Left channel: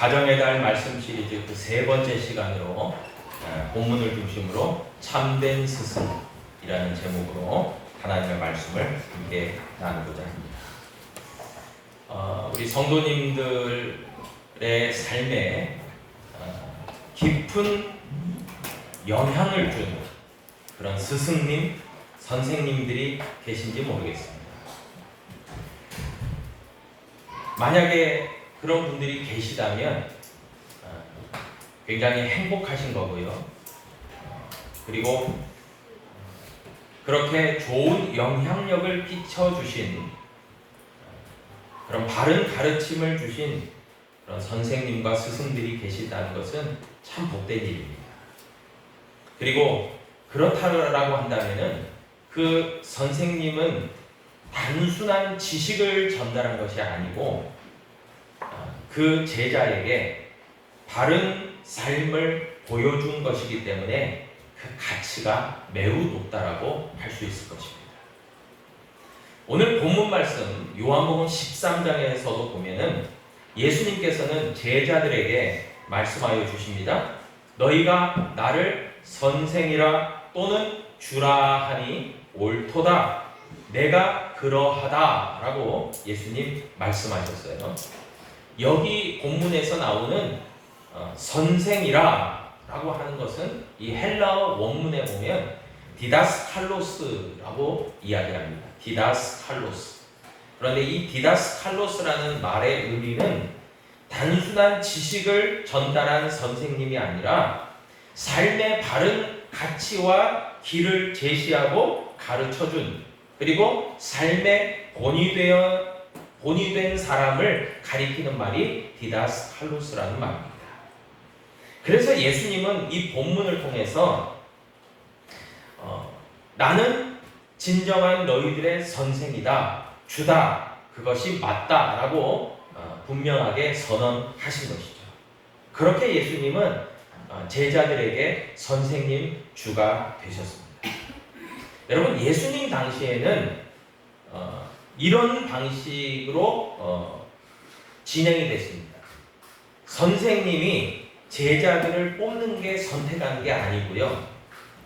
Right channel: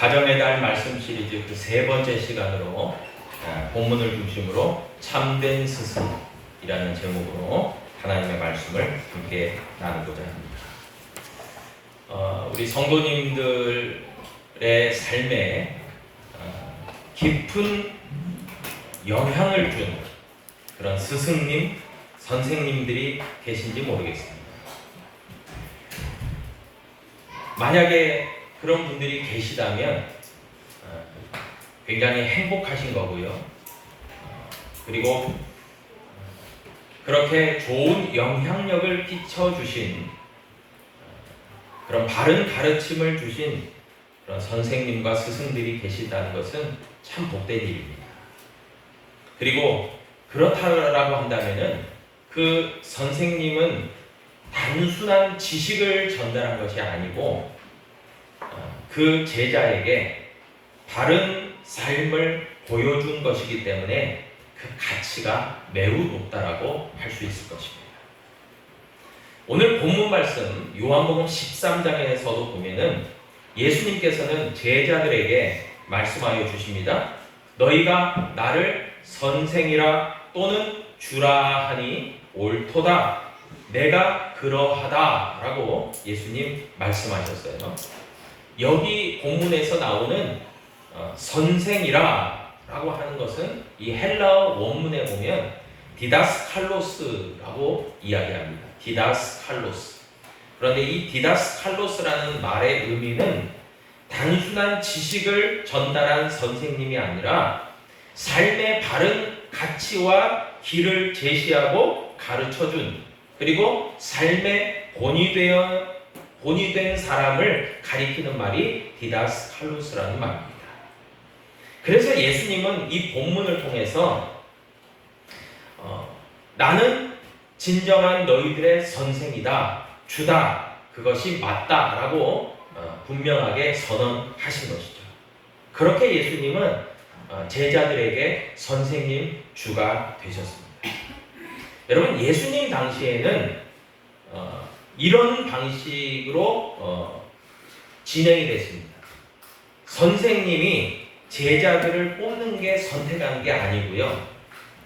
가정의 달 말씀 시리즈 그 세 번째 시간으로 아, 본문을 중심으로 참된 스승이라는 제목으로 하나님의 말씀을 함께 나누고자 합니다. 어, 우리 성도님들의 삶에 어, 깊은 영향을 준 그런 스승님, 선생님들이 계신지 모르겠습니다. 만약에 그런 분들이 계시다면 어, 굉장히 행복하신 거고요. 어, 그리고 어, 그렇게 좋은 영향력을 끼쳐주신 어, 그런 바른 가르침을 주신 그런 선생님과 스승들이 계시다는 것은 참 복된 일입니다. 그리고 그렇다라고 한다면은 그 선생님은 단순한 지식을 전달한 것이 아니고 어, 그 제자에게 바른 삶을 보여준 것이기 때문에 그 가치가 매우 높다라고 할 수 있을 것입니다. 오늘 본문 말씀 요한복음 13장에서도 보면은 예수님께서는 제자들에게 말씀하여 주십니다. 너희가 나를 선생이라 또는 주라 하니 옳도다. 내가 그러하다라고 예수님 말씀하셨어요. 여기 본문에서 나오는 어, 선생이라 라고 하는 것은 이 헬라어 원문에 보면 디다스 칼로스라고 이야기합니다. 디다스 칼로스. 그런데 이 디다스 칼로스라는 말의 의미는 단순한 지식을 전달한 선생님이 아니라 삶의 바른 가치와 길을 제시하고 가르쳐준 그리고 삶의 본이 되어 본이 된 사람을 가리키는 말이 디다스 칼로스라는 말입니다. 그래서 예수님은 이 본문을 통해서 어, 나는 진정한 너희들의 선생이다, 주다, 그것이 맞다라고 어, 분명하게 선언하신 것이죠. 그렇게 예수님은 어, 제자들에게 선생님, 주가 되셨습니다. 여러분 예수님 당시에는 어, 이런 방식으로 어, 진행이 됐습니다. 선생님이 제자들을 뽑는 게 선택하는 게 아니고요.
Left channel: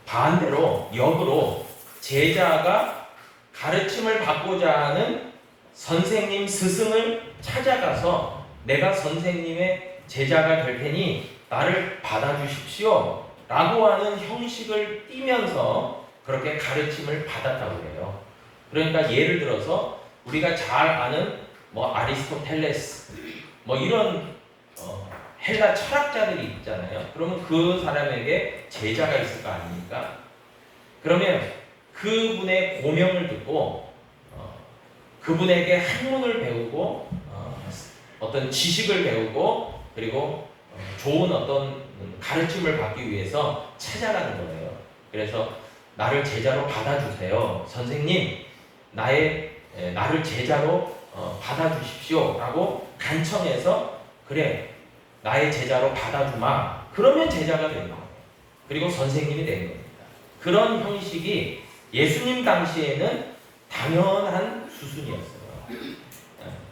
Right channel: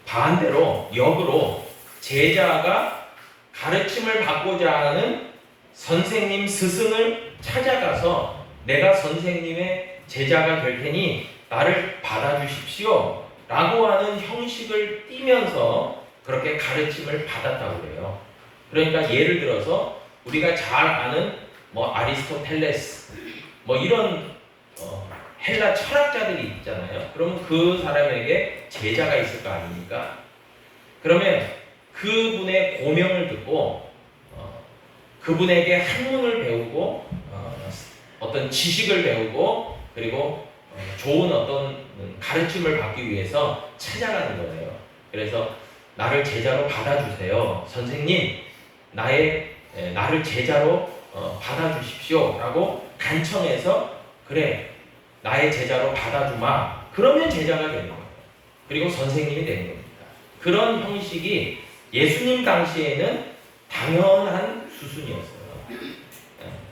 반대로 역으로 제자가 가르침을 받고자 하는 선생님 스승을 찾아가서 내가 선생님의 제자가 될 테니 나를 받아주십시오. 라고 하는 형식을 띠면서 그렇게 가르침을 받았다고 그래요. 그러니까 예를 들어서 우리가 잘 아는 뭐 아리스토텔레스 뭐 이런 어, 헬라 철학자들이 있잖아요. 그러면 그 사람에게 제자가 있을 거 아닙니까? 그러면 그분의 고명을 듣고 어, 그분에게 학문을 배우고 어, 떤 지식을 배우고 그리고 어, 좋은 어떤 가르침을 받기 위해서 찾아가는 거예요. 그래서 나를 제자로 받아주세요. 선생님, 나의 에, 나를 제자로 어, 받아주십시오라고 간청해서 그래 나의 제자로 받아주마. 그러면 제자가 되는 거예요. 그리고 선생님이 되는 겁니다. 그런 형식이 예수님 당시에는 당연한 수순이었어요.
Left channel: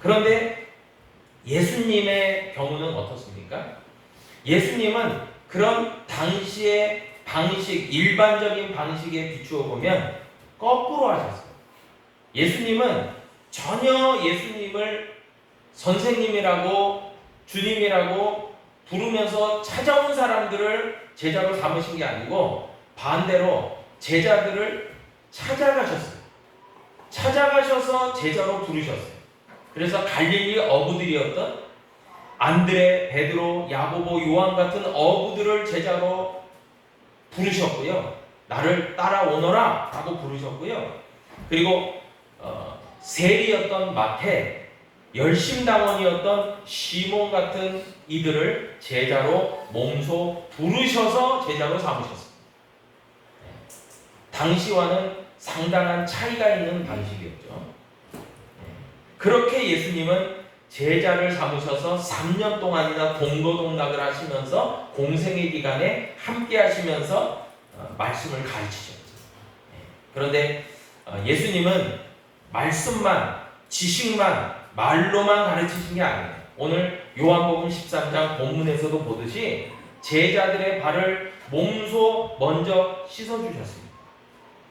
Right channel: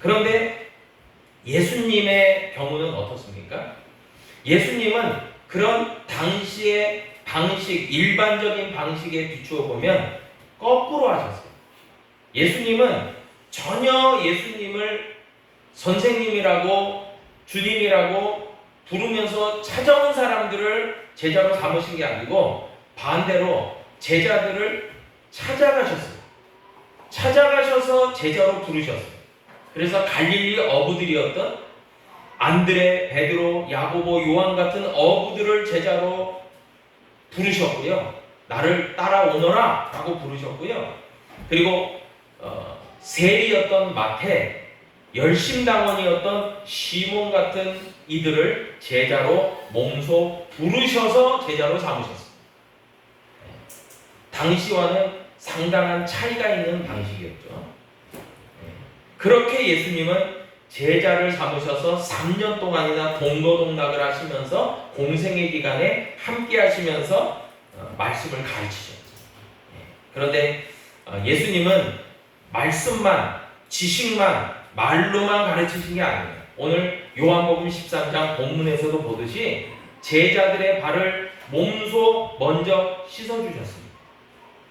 그런데 예수님의 경우는 어떻습니까? 예수님은 그런 당시의 방식, 일반적인 방식에 비추어 보면 거꾸로 하셨어요. 예수님은 전혀 예수님을 선생님이라고 주님이라고 부르면서 찾아온 사람들을 제자로 삼으신 게 아니고 반대로 제자들을 찾아가셨어요. 찾아가셔서 제자로 부르셨어요. 그래서 갈릴리 어부들이었던 안드레, 베드로, 야고보, 요한 같은 어부들을 제자로 부르셨고요. 나를 따라오너라 라고 부르셨고요. 그리고 어, 세리였던 마태, 열심당원이었던 시몬 같은 이들을 제자로 몸소 부르셔서 제자로 삼으셨습니다. 당시와는 상당한 차이가 있는 방식이었죠. 그렇게 예수님은 제자를 삼으셔서 3년 동안이나 동거동락을 하시면서 공생의 기간에 함께 하시면서 어, 말씀을 가르치셨죠. 그런데 어, 예수님은 말씀만, 지식만, 말로만 가르치신 게 아니에요. 오늘 요한복음 13장 본문에서도 보듯이 제자들의 발을 몸소 먼저 씻어 주셨습니다.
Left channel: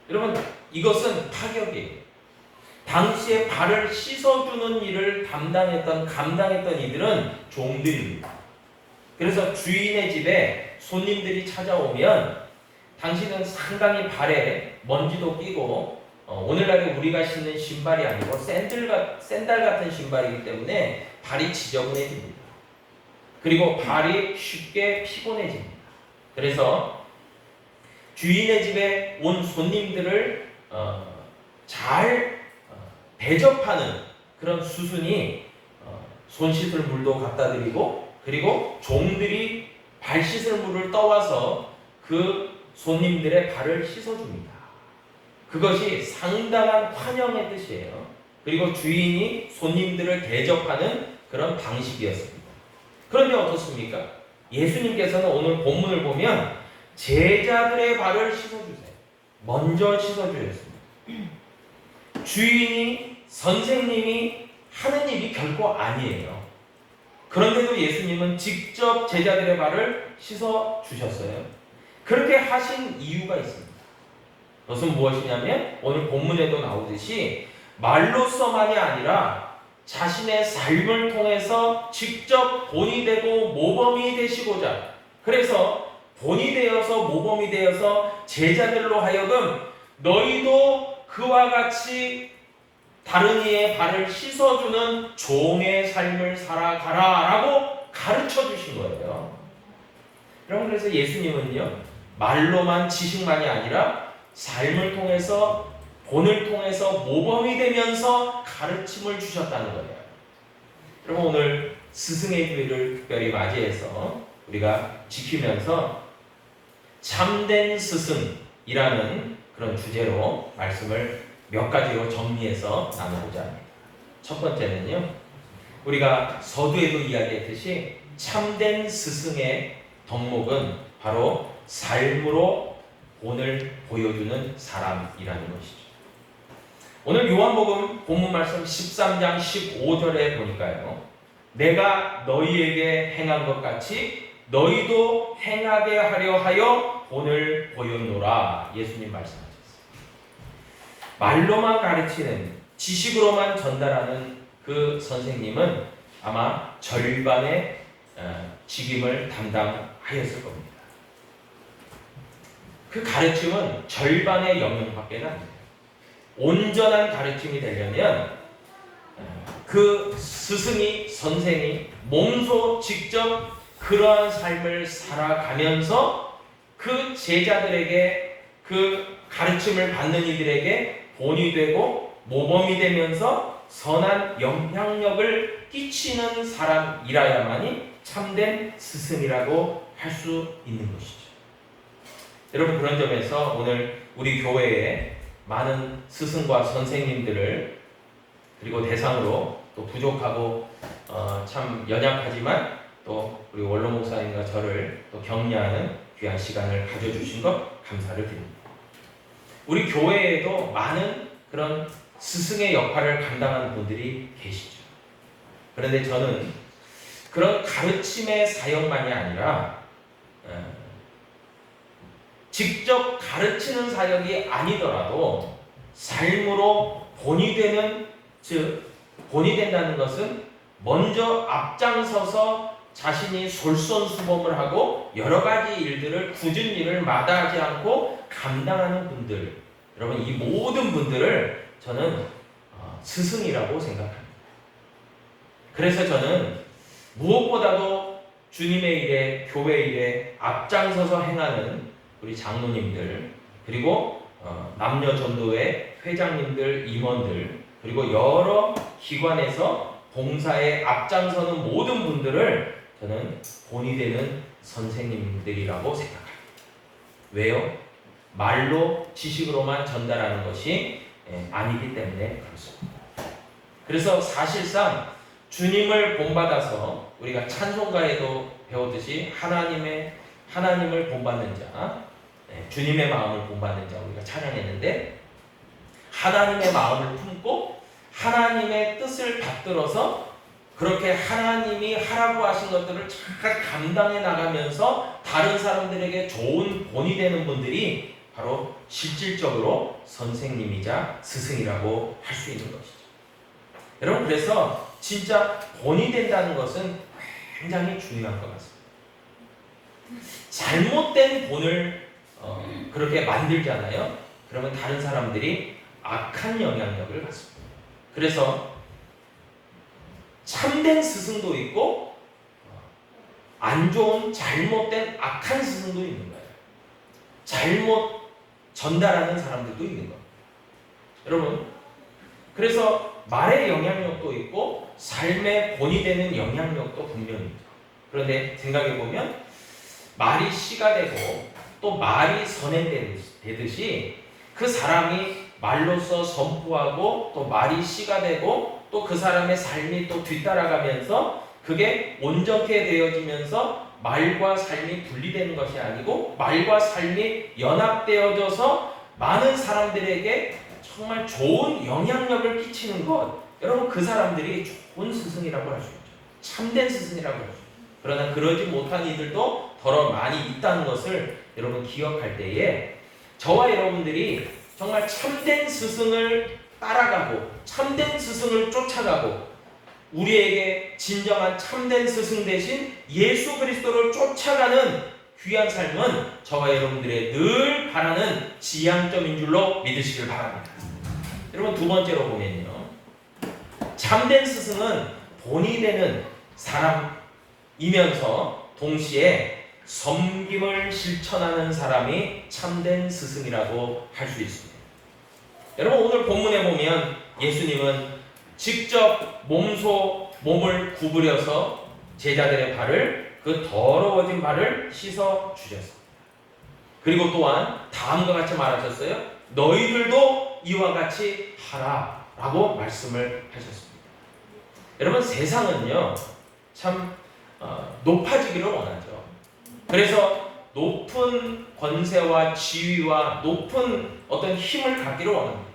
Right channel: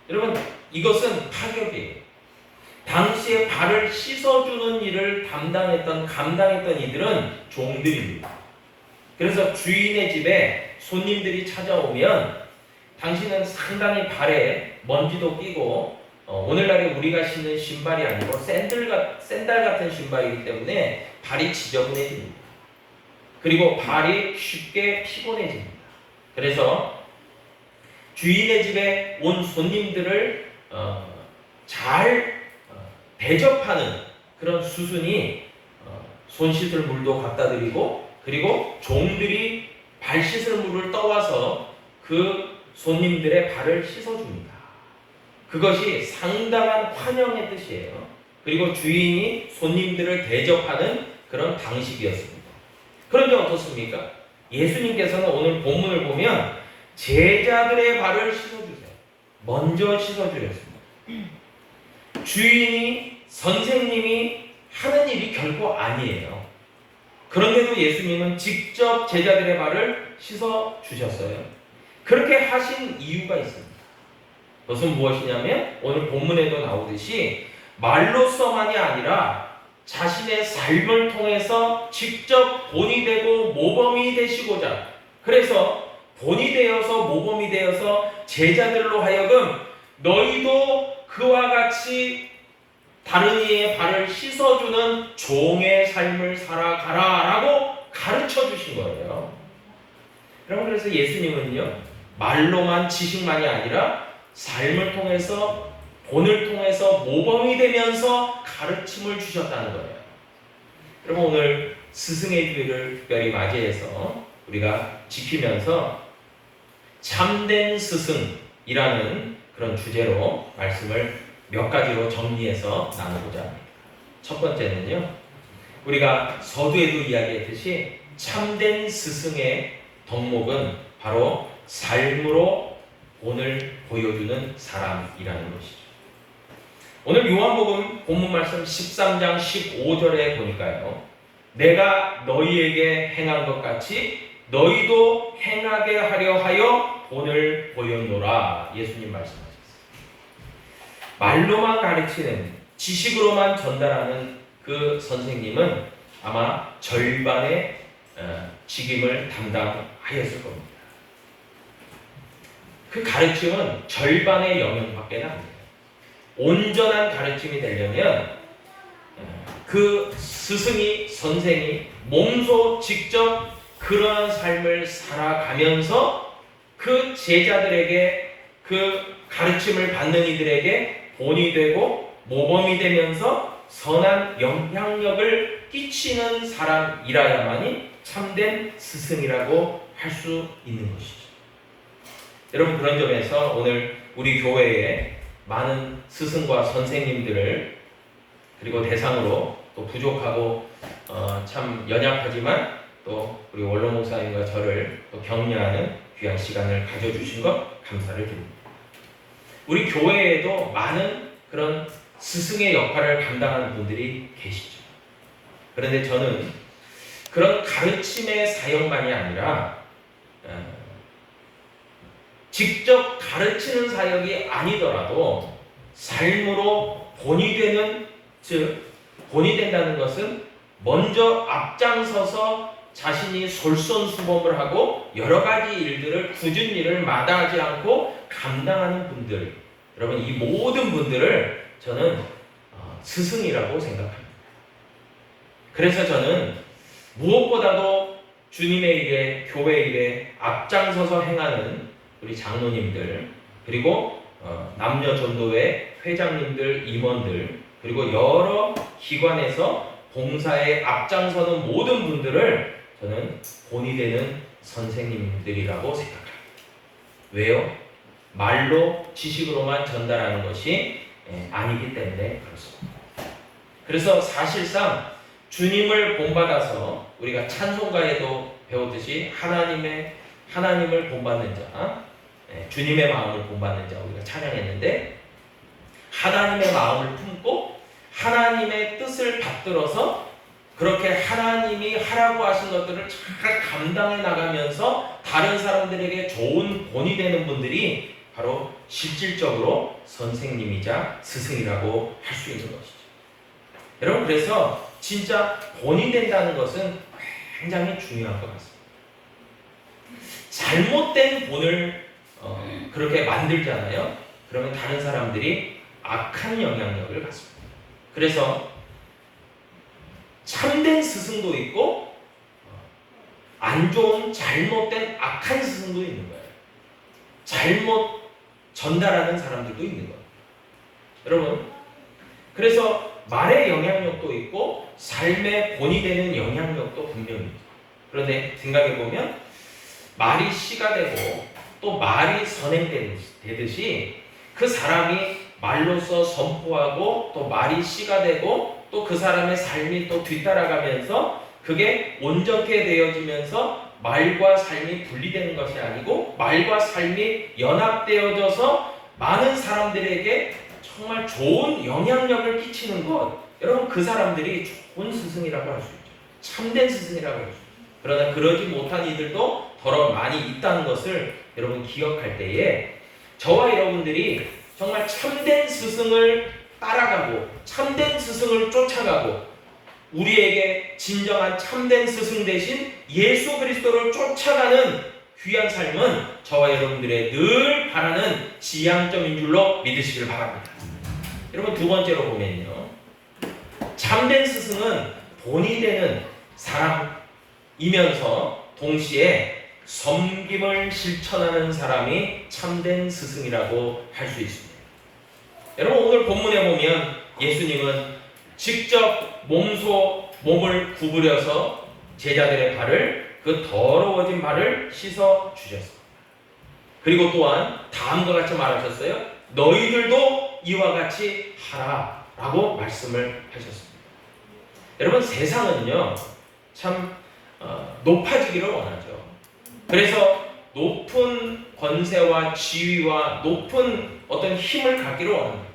여러분 이것은 파격이에요. 당시에 발을 씻어주는 일을 담당했던 감당했던 이들은 종들입니다. 그래서 주인의 집에 손님들이 찾아오면 당신은 상당히 발에 먼지도 끼고 어, 오늘날에 우리가 신는 신발이 아니고 샌들, 같- 샌들 같은 신발이기 때문에 발이 지저분해집니다. 그리고 발이 쉽게 피곤해집니다. 그래서 주인의 집에 온 손님들을 어, 잘 어, 대접하는 그런 수순이 어, 손 씻을 물도 갖다 드리고 그리고 종들이 발 씻을 물을 떠와서 그 손님들의 발을 씻어줍니다. 그것이 상당한 환영의 뜻이에요. 그리고 주인이 손님들을 대접하는 그런 방식이었습니다. 그런데 어떻습니까? 예수님께서는 오늘 본문을 보면 제자들의 발을 씻어주세요. 먼저 씻어주셨습니다. 주인이 선생님이 하는 일이 결코 아니에요. 그런데도 예수님은 직접 제자들의 발을 씻어 주셨어요. 그렇게 하신 이유가 있습니다. 그것은 무엇이냐면 오늘 본문에도 나오듯이 말로서만이 아니라 자신의 삶을 통해서 직접 본이 되고 모범이 되시고자 그래서 본이 되어서 모범이 되어서 제자들로 하여금 너희도 그와 같이 다른 이의 발을 씻어주는 종의 삶을 살아가라 라고 가르쳐 주신 거예요. 여러분 그래서 예수님은요 말로만 지식만이 아니라 삶을 통해서 본을 통해서 모범이 되면서 가르침을 주셨다는 거예요. 여러분 오늘 스승의 주일을 특별히 맞이해서 우리가 지키면서 참된 스승이라는 그런 주제로 말씀을 몇 가지로 정리해서 나누고자 합니다. 첫 번째는요, 우리가 서두에도 이야기했듯이 참된 스승의 덕목은 바로 삶으로 본을 보여주는 사람이라는 것이죠. 오늘 요한복음 본문 말씀 13장 15절에 보니까요. 내가 너희에게 행한 것 같이 너희도 행하게 하려 하여 본을 보였노라. 예수님 말씀하셨어요. 말로만 가르치는 지식으로만 전달하는 그 선생님은 아마 절반의 어, 직임을 담당하였을 겁니다. 그 가르침은 절반의 영역밖에 안 돼요. 온전한 가르침이 되려면 어, 그 스승이 선생이 몸소 직접 그러한 삶을 살아가면서 그 제자들에게 그 가르침을 받는 이들에게 본이 되고 모범이 되면서 선한 영향력을 끼치는 사람이라야만이 참된 스승이라고 할 수 있는 것이죠. 여러분 그런 점에서 오늘 우리 교회에 많은 스승과 선생님들을 그리고 대상으로 또 부족하고 어, 참 연약하지만 또 우리 원로 목사님과 저를 또 격려하는 귀한 시간을 가져주신 것 감사를 드립니다. 우리 교회에도 많은 그런 스승의 역할을 감당하는 분들이 계시죠. 그런데 저는 그런 가르침의 사역만이 아니라 어, 직접 가르치는 사역이 아니더라도 삶으로 본이 되는 즉 본이 된다는 것은 먼저 앞장서서 자신이 솔선수범을 하고 여러 가지 일들을 굳은 일을 마다하지 않고 감당하는 분들 여러분 이 모든 분들을 저는 어, 스승이라고 생각합니다. 그래서 저는 무엇보다도 주님의 일에 교회 일에 앞장서서 행하는 우리 장로님들 그리고 어, 남녀 전도회 회장님들 임원들 그리고 여러 기관에서 봉사에 앞장서는 모든 분들을 저는 본이 되는 선생님들이라고 생각합니다. 왜요? 말로 지식으로만 전달하는 것이 예, 아니기 때문에 그렇습니다. 그래서 사실상 주님을 본받아서 우리가 찬송가에도 배웠듯이 하나님의 하나님을 본받는 자, 예, 주님의 마음을 본받는 자 우리가 찬양했는데 하나님의 마음을 품고 하나님의 뜻을 받들어서 그렇게 하나님이 하라고 하신 것들을 잘 감당해 나가면서 다른 사람들에게 좋은 본이 되는 분들이 바로 실질적으로 선생님이자 스승이라고 할 수 있는 것이죠. 여러분 그래서 진짜 본이 된다는 것은 굉장히 중요한 것 같습니다. 잘못된 본을 어, 그렇게 만들잖아요. 그러면 다른 사람들이 악한 영향력을 갖습니다. 그래서 참된 스승도 있고 어, 안 좋은 잘못된 악한 스승도 있는 거예요. 잘못 전달하는 사람들도 있는 거예요. 여러분, 그래서 말의 영향력도 있고 삶의 본이 되는 영향력도 분명히 있죠. 그런데 생각해 보면 말이 씨가 되고 또 말이 선행되듯이 그 사람이 말로서 선포하고 또 말이 씨가 되고 또 그 사람의 삶이 또 뒤따라가면서 그게 온전케 되어지면서 말과 삶이 분리되는 것이 아니고 말과 삶이 연합되어져서 많은 사람들에게 정말 좋은 영향력을 끼치는 것. 여러분 그 사람들이 좋은 스승이라고 할 수 있죠. 참된 스승이라고 할 수 있죠. 그러나 그러지 못한 이들도 더러 많이 있다는 것을 여러분 기억할 때에 저와 여러분들이 정말 참된 스승을 따라가고 참된 스승을 쫓아가고 우리에게 진정한 참된 스승 대신 예수 그리스도를 쫓아가는 귀한 삶은 저와 여러분들의 늘 바라는 지향점인 줄로 믿으시길 바랍니다. 여러분 두 번째로 보면요. 참된 스승은 본이 되는 사람이면서 동시에 섬김을 실천하는 사람이 참된 스승이라고 할 수 있습니다. 여러분 오늘 본문에 보면 예수님은 직접 몸소 몸을 구부려서 제자들의 발을 그 더러워진 발을 씻어 주셨습니다. 그리고 또한 다음과 같이 말하셨어요. 너희들도 이와 같이 하라라고 말씀을 하셨습니다. 여러분 세상은요 참 어, 높아지기를 원하죠. 그래서 높은 권세와 지위와 높은 어떤 힘을 갖기를 원합니다.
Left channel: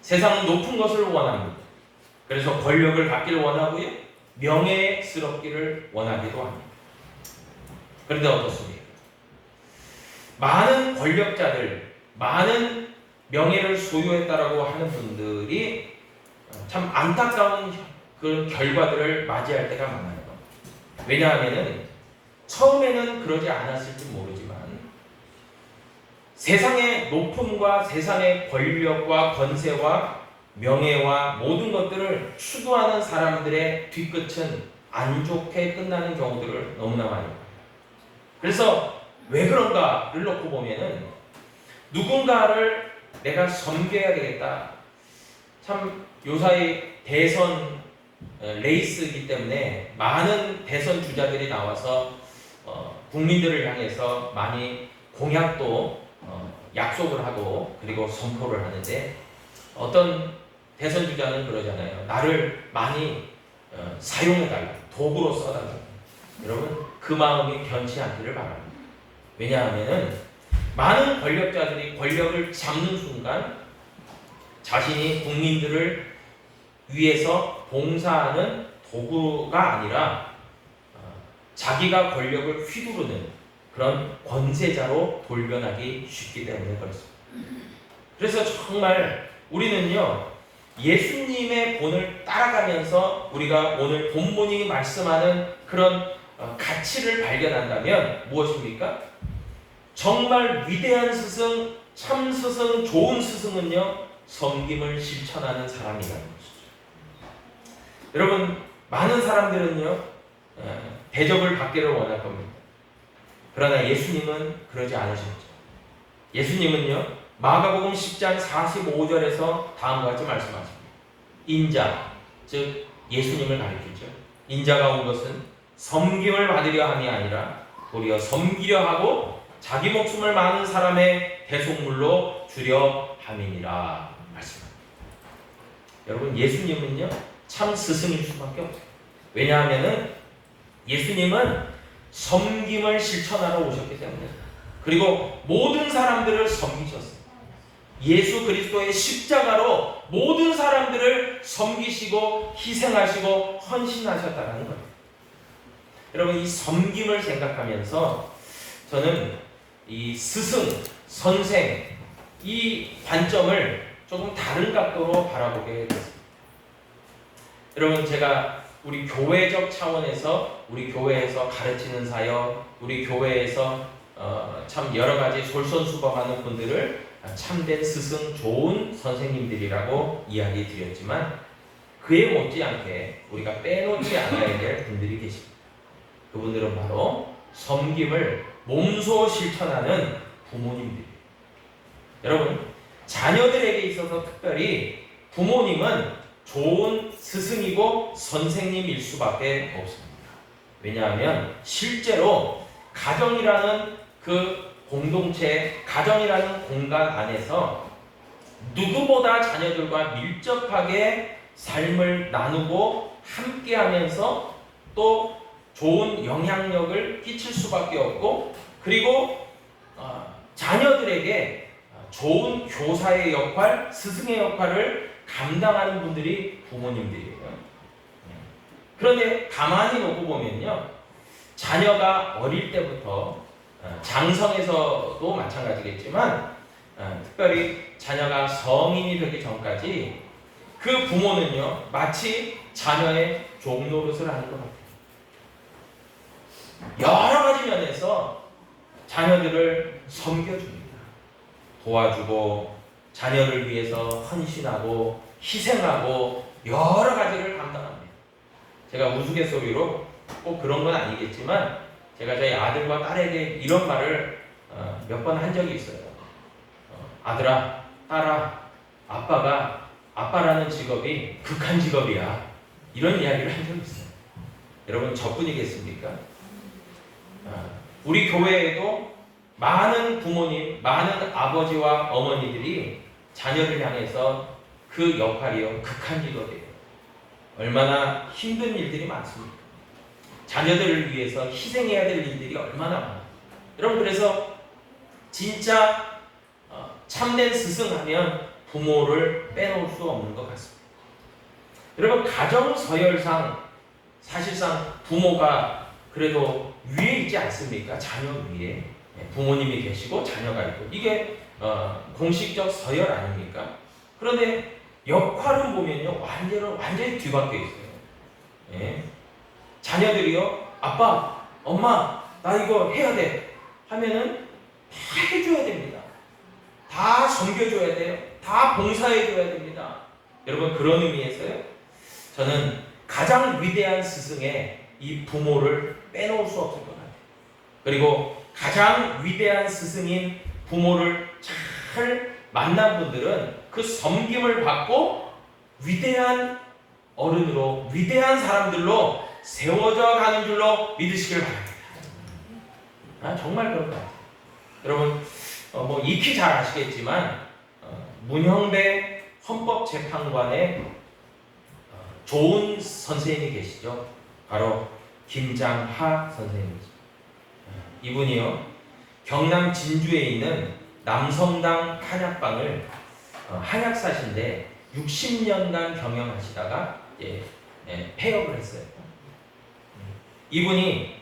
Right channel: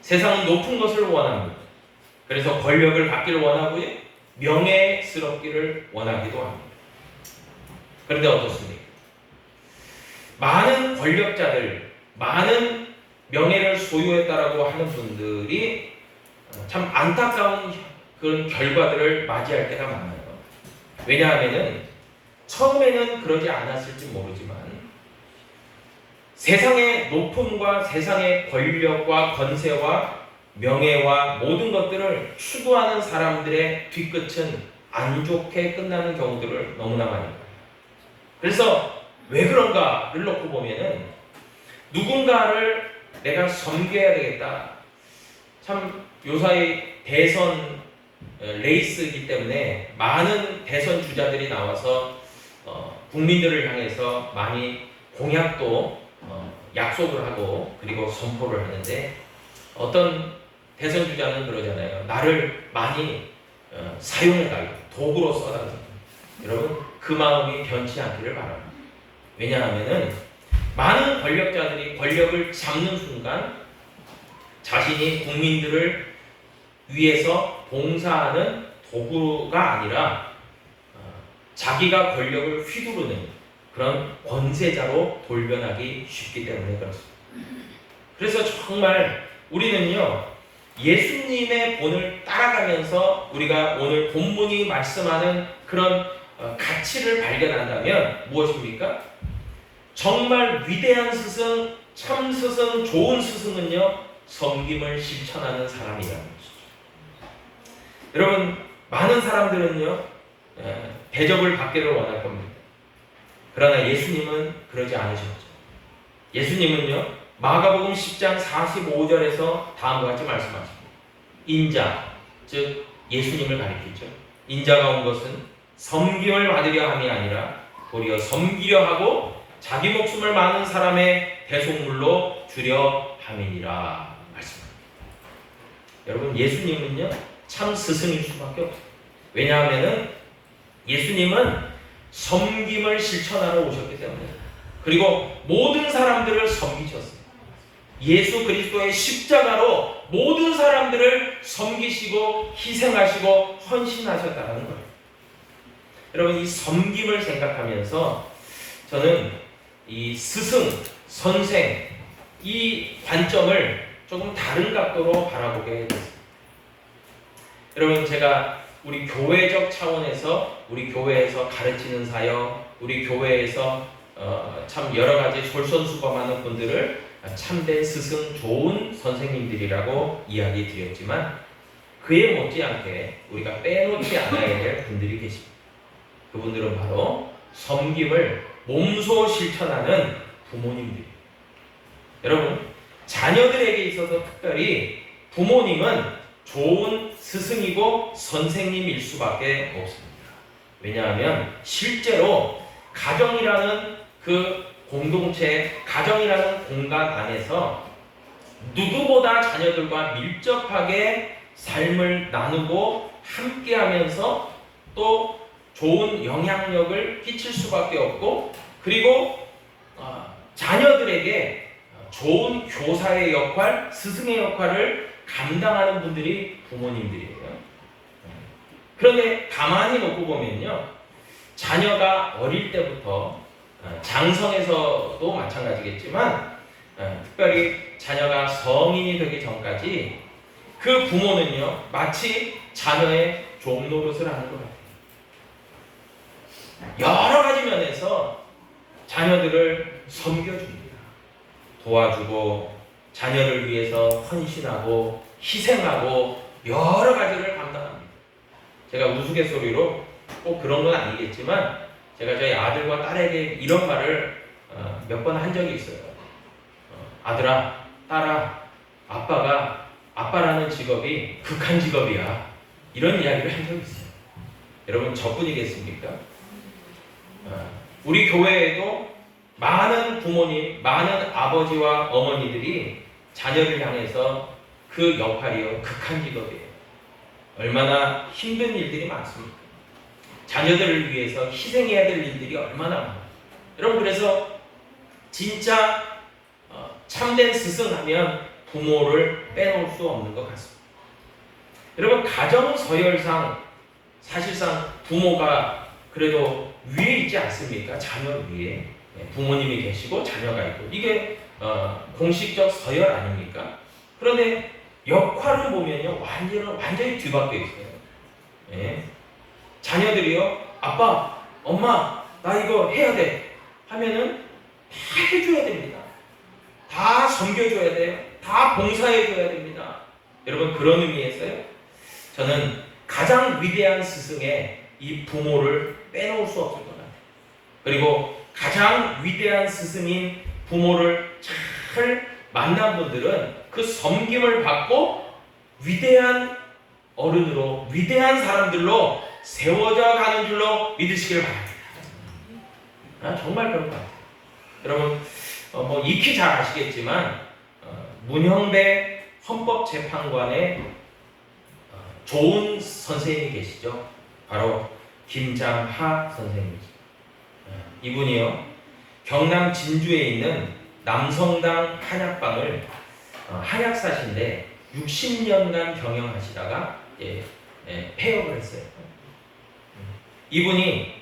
세상은 높은 것을 원합니다. 그래서 권력을 갖기를 원하고요. 명예스럽기를 원하기도 합니다. 그런데 어떻습니까? 많은 권력자들, 많은 명예를 소유했다라고 하는 분들이 어, 참 안타까운 그런 결과들을 맞이할 때가 많아요. 왜냐하면은 처음에는 그러지 않았을지 모르지만 세상의 높음과 세상의 권력과 권세와 명예와 모든 것들을 추구하는 사람들의 뒤끝은 안 좋게 끝나는 경우들을 너무나 많이 봐요. 그래서 왜 그런가를 놓고 보면은 누군가를 내가 섬겨야 되겠다. 참 요사이 대선 어, 레이스이기 때문에 많은 대선 주자들이 나와서 어, 국민들을 향해서 많이 공약도 어, 약속을 하고 그리고 선포를 하는데 어떤 대선 주자는 그러잖아요. 나를 많이 어, 사용해달라. 도구로 써달라. 여러분 그 마음이 변치 않기를 바랍니다. 왜냐하면은 많은 권력자들이 권력을 잡는 순간 자신이 국민들을 위해서 봉사하는 도구가 아니라 어, 자기가 권력을 휘두르는 그런 권세자로 돌변하기 쉽기 때문에 그렇습니다. 그래서 정말 우리는요 예수님의 본을 따라가면서 우리가 오늘 본문이 말씀하는 그런 어, 가치를 발견한다면 무엇입니까? 정말 위대한 스승, 참 스승, 좋은 스승은요 섬김을 실천하는 사람이라는 것이죠. 여러분 많은 사람들은요 예, 대접을 받기를 원할 겁니다. 그러나 예수님은 그러지 않으셨죠. 예수님은요 마가복음 10장 45절에서 다음과 같이 말씀하십니다. 인자, 즉 예수님을 가리키죠. 인자가 온 것은 섬김을 받으려 함이 아니라 도리어 섬기려 하고 자기 목숨을 많은 사람의 대속물로 주려 함이니라 말씀합니다. 여러분 예수님은요 참 스승일 수밖에 없어요. 왜냐하면은 예수님은 섬김을 실천하러 오셨기 때문에 그리고 모든 사람들을 섬기셨어요. 예수 그리스도의 십자가로 모든 사람들을 섬기시고 희생하시고 헌신하셨다는 거예요. 여러분 이 섬김을 생각하면서 저는 이 스승, 선생 이 관점을 조금 다른 각도로 바라보게 됐습니다. 여러분 제가 우리 교회적 차원에서 우리 교회에서 가르치는 사역, 우리 교회에서 어, 참 여러 가지 솔선수범하는 분들을 참된 스승, 좋은 선생님들이라고 이야기 드렸지만 그에 못지않게 우리가 빼놓지 않아야 될 분들이 계십니다. 그분들은 바로 섬김을 몸소 실천하는 부모님들입니다. 여러분, 자녀들에게 있어서 특별히 부모님은 좋은 스승이고 선생님일 수밖에 없습니다. 왜냐하면 실제로 가정이라는 그 공동체, 가정이라는 공간 안에서 누구보다 자녀들과 밀접하게 삶을 나누고 함께 하면서 또 좋은 영향력을 끼칠 수밖에 없고 그리고 어, 자녀들에게 좋은 교사의 역할, 스승의 역할을 감당하는 분들이 부모님들이에요. 그런데 가만히 놓고 보면요. 자녀가 어릴 때부터 어, 장성에서도 마찬가지겠지만 어, 특별히 자녀가 성인이 되기 전까지 그 부모는요 마치 자녀의 종노릇을 하는 것 같아요. 여러 가지 면에서 자녀들을 섬겨줍니다. 도와주고 자녀를 위해서 헌신하고 희생하고 여러 가지를 감당합니다. 제가 우스갯소리로 꼭 그런 건 아니겠지만 제가 저희 아들과 딸에게 이런 말을 어, 몇번 한 적이 있어요. 어, 아들아, 딸아, 아빠가 아빠라는 직업이 극한 직업이야. 이런 이야기를 한 적이 있어요. 여러분 저뿐이겠습니까? 어, 우리 교회에도 많은 부모님, 많은 아버지와 어머니들이 자녀를 향해서 그 역할이요 극한 직업이에요. 얼마나 힘든 일들이 많습니까? 자녀들을 위해서 희생해야 될 일들이 얼마나 많아요. 여러분 그래서 진짜 어, 참된 스승하면 부모를 빼놓을 수 없는 것 같습니다. 여러분 가정 서열상 사실상 부모가 그래도 위에 있지 않습니까? 자녀 위에 예, 부모님이 계시고 자녀가 있고 이게 어, 공식적 서열 아닙니까? 그런데 역할을 보면요 완전히 완전히 뒤바뀌어 있어요. 예. 자녀들이요 아빠, 엄마 나 이거 해야 돼 하면은 다 해줘야 됩니다. 다 섬겨줘야 돼요. 다 봉사해줘야 됩니다. 여러분 그런 의미에서요 저는 가장 위대한 스승의 이 부모를 빼놓을 수 없을 것 같아요. 그리고 가장 위대한 스승인 부모를 잘 만난 분들은 그 섬김을 받고 위대한 어른으로 위대한 사람들로 세워져 가는 줄로 믿으시길 바랍니다. 아, 정말 같아요. 여러분 어, 뭐 익히 잘 아시겠지만 어, 문형배 헌법재판관의 어, 좋은 선생님이 계시죠. 바로 김장하 선생님이죠. 어, 이분이요 경남 진주에 있는 남성당 한약방을 어, 한약사신데 60년간 경영하시다가 예, 예, 폐업을 했어요. 이분이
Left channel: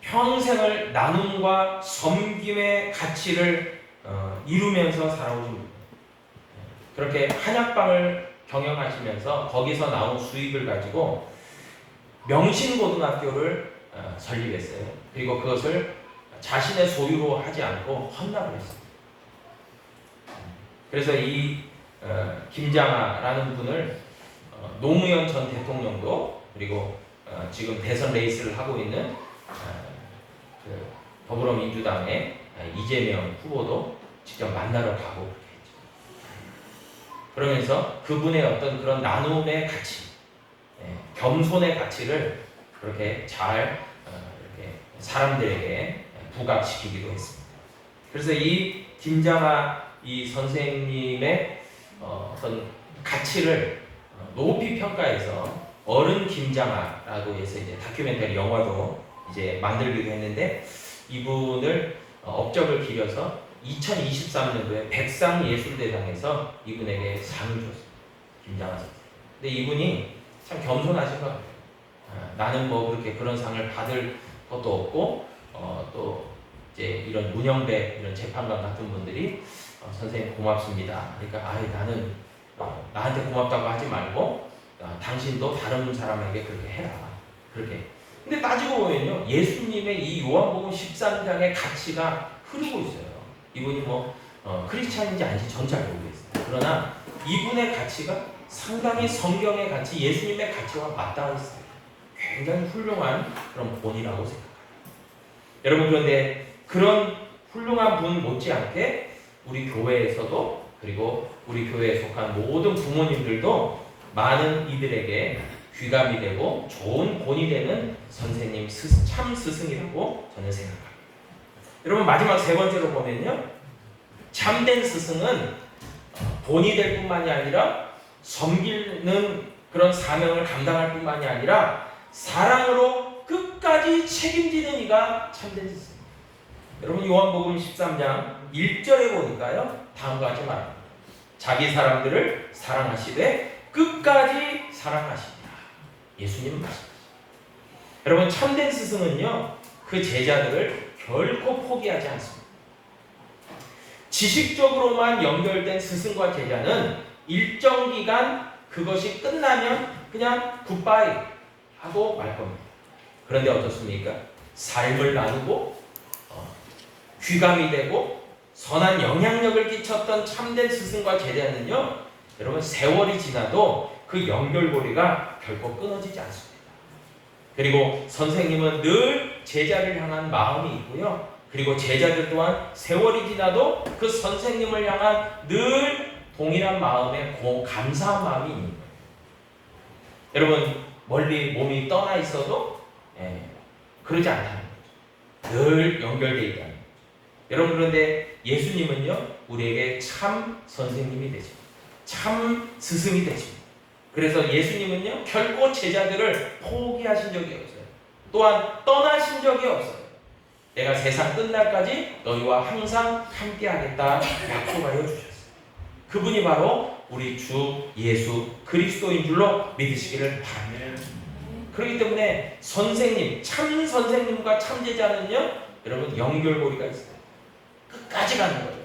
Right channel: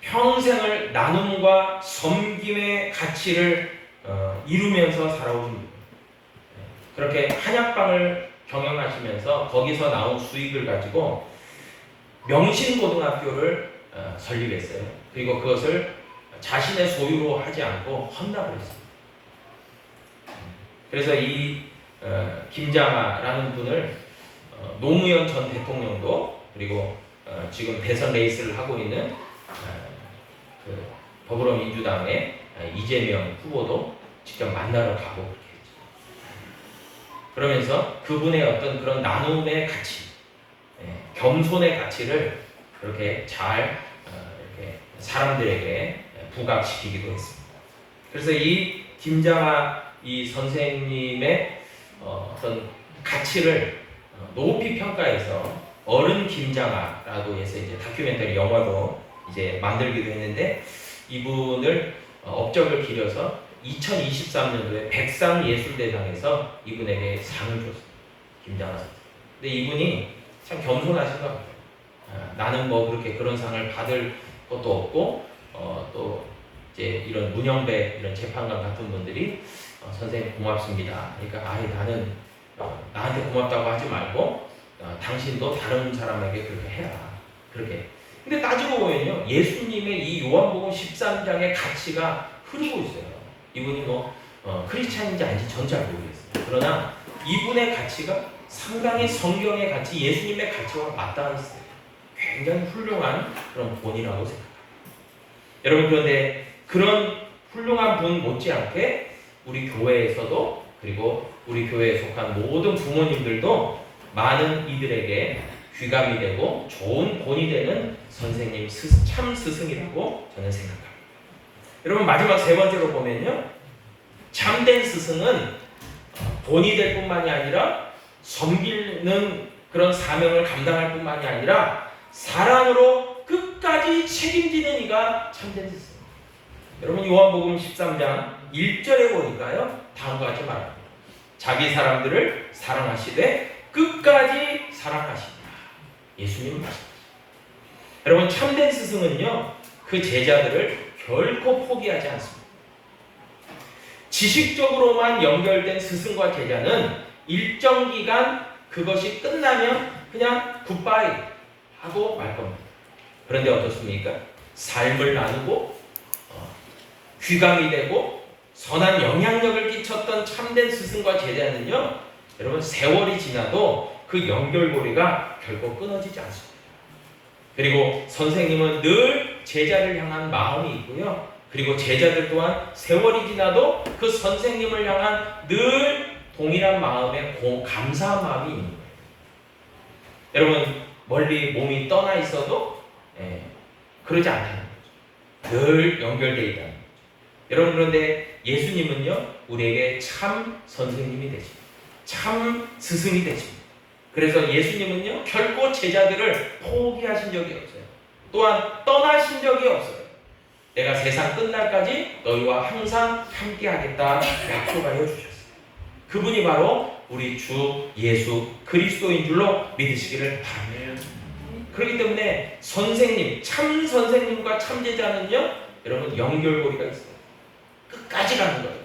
평생을 나눔과 섬김의 가치를 어, 이루면서 살아오신 분이에요. 그렇게 한약방을 경영하시면서 거기서 나온 수익을 가지고 명신고등학교를 어, 설립했어요. 그리고 그것을 자신의 소유로 하지 않고 헌납을 했습니다. 그래서 이 어, 김장하라는 분을 어, 노무현 전 대통령도 그리고 어, 지금 대선 레이스를 하고 있는 어, 그 더불어민주당의 이재명 후보도 직접 만나러 가고 그렇게 했죠. 그러면서 그분의 어떤 그런 나눔의 가치, 예, 겸손의 가치를 그렇게 잘 어, 이렇게 사람들에게 부각시키기도 했습니다. 그래서 이 김장하 이 선생님의 어, 어떤 가치를 어, 높이 평가해서 어른 김장하라고 해서 이제 다큐멘터리 영화도 이제 만들기도 했는데 이분을 어, 업적을 기려서 2023년도에 백상예술대상에서 이분에게 상을 줬어요. 김장하 선생. 근데 이분이 참 겸손하신 것 같아요. 아, 나는 뭐 그렇게 그런 상을 받을 것도 없고 어, 또 이제 이런 문영배 이런 재판관 같은 분들이 어, 선생님 고맙습니다. 그러니까 아예 나는 어, 나한테 고맙다고 하지 말고 어, 당신도 다른 사람에게 그렇게 해라. 그렇게. 근데 따지고 보면요. 예수님의 이 요한복음 13장의 가치가 흐르고 있어요. 이분이 뭐 어, 크리스찬인지 아닌지 전 잘 모르겠어요. 그러나 이분의 가치가 상당히 성경의 가치, 예수님의 가치와 맞닿아 있어요. 굉장히 훌륭한 그런 본이라고 생각합니다. 여러분 그런데 그런 훌륭한 분 못지않게 우리 교회에서도 그리고 우리 교회에 속한 모든 부모님들도 많은 이들에게 귀감이 되고 좋은 본이 되는 선생님 스- 참 스승이라고 저는 생각합니다. 여러분 마지막 세 번째로 보면요 참된 스승은 어, 본이 될 뿐만이 아니라 섬기는 그런 사명을 감당할 뿐만이 아니라 사랑으로 끝까지 책임지는 이가 참된 스승. 여러분 요한복음 13장 1절에 보니까요 다음과 같이 말합니다. 자기 사람들을 사랑하시되 끝까지 사랑하시니라. 예수님 말씀. 여러분 참된 스승은요 그 제자들을 결코 포기하지 않습니다. 지식적으로만 연결된 스승과 제자는 일정 기간 그것이 끝나면 그냥 굿바이 하고 말 겁니다. 그런데 어떻습니까? 삶을 나누고 어, 귀감이 되고 선한 영향력을 끼쳤던 참된 스승과 제자는요, 여러분 세월이 지나도 그 연결고리가 결코 끊어지지 않습니다. 그리고 선생님은 늘 제자를 향한 마음이 있고요. 그리고 제자들 또한 세월이 지나도 그 선생님을 향한 늘 동일한 마음에 고, 감사한 마음이 있는 거예요. 여러분 멀리 몸이 떠나 있어도 예, 그러지 거죠. 늘 연결되어 거죠. 여러분 그런데 예수님은요 우리에게 참 선생님이 되십니다. 참 스승이 되십니다. 그래서 예수님은요 결코 제자들을 포기하신 적이 없어요. 또한 떠나신 적이 없어요. 내가 세상 끝날까지 너희와 항상 함께하겠다 약속하여 주셨어요. 그분이 바로 우리 주 예수 그리스도인 줄로 믿으시기를 바랍니다. 그렇기 때문에 선생님, 참 선생님과 참 제자는요, 여러분 연결고리가 있어요. 끝까지 가는 거예요.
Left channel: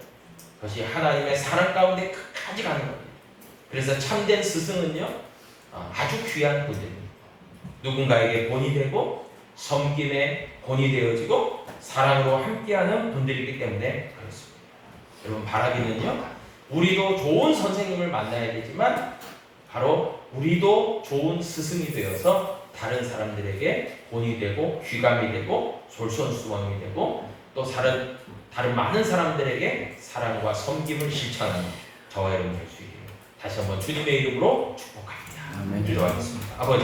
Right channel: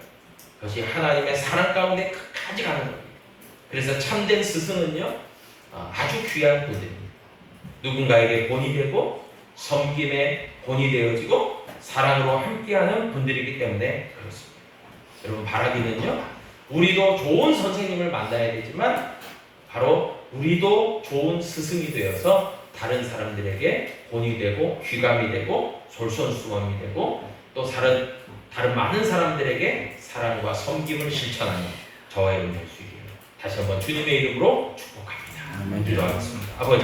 그것이 하나님의 사랑 가운데 끝까지 가는 거예요. 그래서 참된 스승은요, 어, 아주 귀한 분들입니다. 누군가에게 본이 되고 섬김의 본이 되어지고 사랑으로 함께하는 분들이기 때문에 그렇습니다. 여러분 바라기는요, 우리도 좋은 선생님을 만나야 되지만 바로 우리도 좋은 스승이 되어서 다른 사람들에게 본이 되고 귀감이 되고 솔선수범이 되고 또 다른 다른 많은 사람들에게 사랑과 섬김을 실천하는 저와 여러분 될수 있기를 다시 한번 주님의 이름으로 축복합니다. 아멘. 기도하겠습니다. 아버지